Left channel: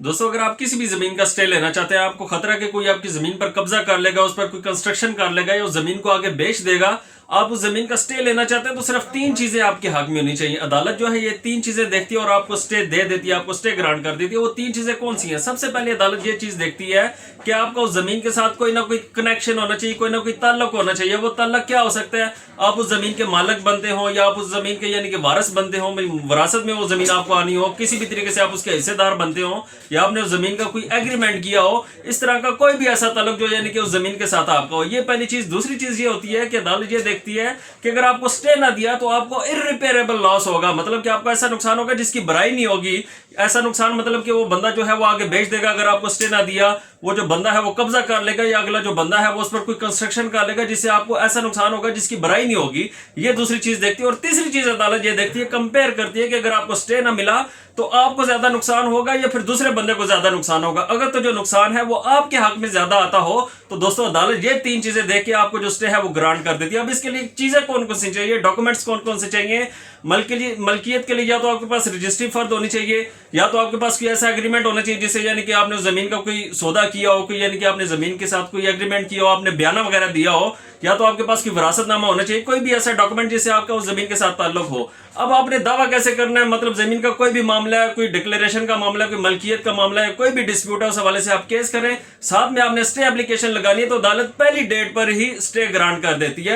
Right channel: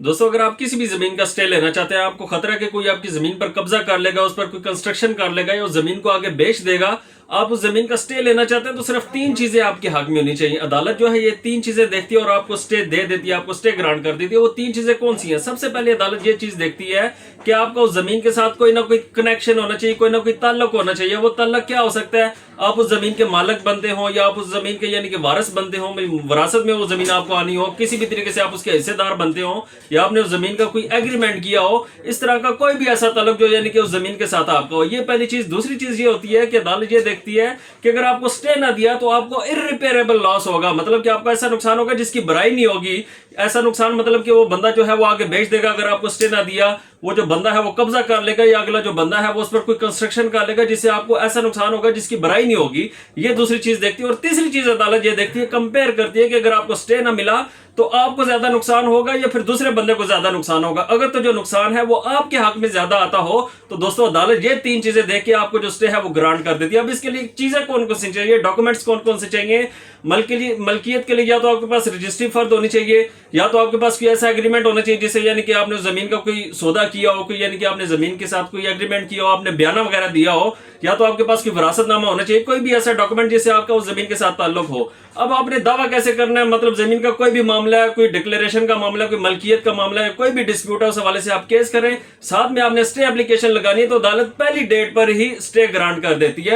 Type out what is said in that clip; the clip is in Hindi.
दोस्तों, अगर आप किसी भी जमीन का स्टे लेना चाहते हैं, आपको खतरा है कि कोई आपकी जमीन पर कब्जा कर लेगा, उस पर कोई कंस्ट्रक्शन कर लेगा या उस जमीन को आगे बेच देगा, आप उस जमीन का स्टे लेना चाहते हैं, तो सिर्फ तीन चीजें आपके हक में होनी चाहिए। अदालत जो है ये तीन चीजें देखती है और आपको स्टे दे देती है, आपको स्टे ग्रांट कर देती है। वो तीन चीजें कौन सी हैं? सबसे पहले अदालत ये चीज देखती है कि आपका उस जमीन के साथ कोई ना कोई कनेक्शन होना चाहिए, कोई ना कोई ताल्लुक होना चाहिए। वो ताल्लुक क्या हो सकता है? आप उस जमीन के मालिक बनते हो या आप उस जमीन के यानी कि वारिस बनते हो, विरासत में वो जमीन आपको आनी हो, किसी भी तरीके से आप उसके हिस्सेदार बनते हो, या आपने उस जमीन का कोई एग्रीमेंट किया हो। इस तरह का कोई भी ऐसा ताल्लुक जो यानी कि उस जमीन के साथ आपका हो, ये पहली चीज। दूसरी चीज ये होती है कि अदालत ये देखती है कि अगर आपको स्टे ना दिया तो आपको इररिपेयरेबल लॉस होगा, मतलब कि आपका ऐसा नुकसान होगा जिसकी भराई नहीं होगी। ऐसा नुकसान मतलब कि वो बंदा जो है वो आगे बेच देगा अगर आपको स्टे ना दिया, वो जो बंदा है वो कब्जा कर लेगा, या अगला जो बंदा है वो उस पर कोई कंस्ट्रक्शन कर लेगा जिससे आपको ऐसा नुकसान होगा जिसकी भराई नहीं होगी। ये दूसरी चीज देखती है। और तीसरी चीज अदालत ये देखती है, कंपेयर करती है कि अगर आपको स्टे ना मिला तो आपको ज्यादा नुकसान होगा या फिर दूसरे बंदे को ज्यादा नुकसान होगा। अगर तो जो नुकसान है वो आपके हक में ज्यादा आता हो तो दोस्तों अदालत ये तीन चीजें देख के आपको जो स्टे है वो ग्रांट कर देती है। अब इसके लिए चीजें कौन कौन सी चाहिए, डॉक्यूमेंट्स कौन कौन से चाहिए? मलकियत के लिए या तो आपके पास रजिस्ट्री फर्द होनी चाहिए, या तो आपके पास कोई ऐसा एग्रीमेंट होना चाहिए जिससे यानी कि आपने उस जमीन का कोई सौदा किया हो, कोई यानी कि आपने जमीन के साथ कोई एग्रीमेंट किया हो, आपने बयाना वगैरह दिया हो, या तो आपके पास कोई विरासतनामा होना चाहिए, कोई भी ऐसा डॉक्यूमेंट जिससे आपका उस जमीन के साथ ताल्लुक हो। अब आपने दावा कैसे करना है? मतलब जमीन का कोई भी मामला है, कोई डिक्लेरेशन का मामला है, कोई मलकियत का मामला है, कोई भी डिस्प्यूट है, उस हवाले से आप केस करें। साथ में आपने स्टे एप्लीकेशन लगानी है तो अदालत पहली डेट पर ही स्टे ग्रांट कर देती है।